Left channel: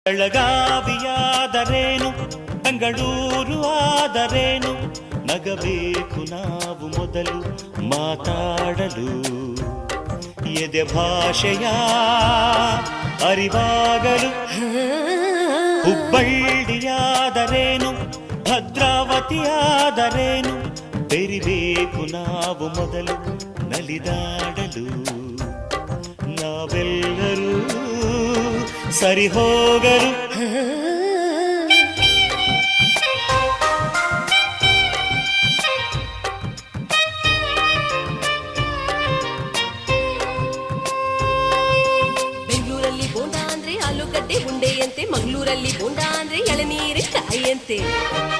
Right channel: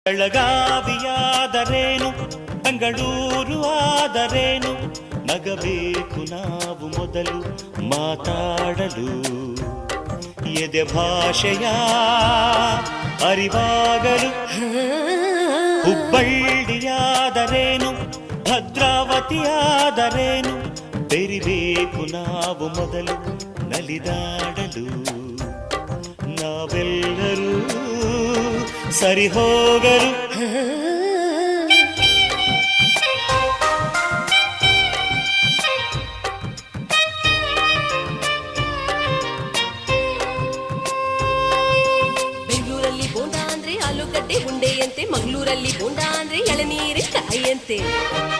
ಬೆಳಗಾವಿಯಾದರೇನು ಬೆಂಗಳೂರು ಆದರೇನು ನಗಬೇಕು ನಾವು ಮೊದಲು ಮಾತಾಡಲು ಎದೆ ಭಾಷೆಯ ಅರಿವಾಗಲು ಹುಬ್ಬಳ್ಳಿಯಾದರೇನು ಭದ್ರಾವತಿಯಾದರೇನು ಬೆರಿಬೇಕು ನಾವು ಮೊದಲು ನಲಿದಾಡಲು ನಾವೆಲ್ಲರೂ ಸರಿ ಹೋಗಲು ಬೆಂಗಳೂರಲ್ಲಿ ಬೋಂಡ ಅಂದ್ರೆ ಆಲೂಗಡ್ಡೆ ಉಂಡೆಯಂತೆ, ಮಂಗಳೂರಲ್ಲಿ ಬೋಂಡ ಅಂದ್ರೆ ಎಳನೀರಿನ ಕಾಯಿಯಂತೆ.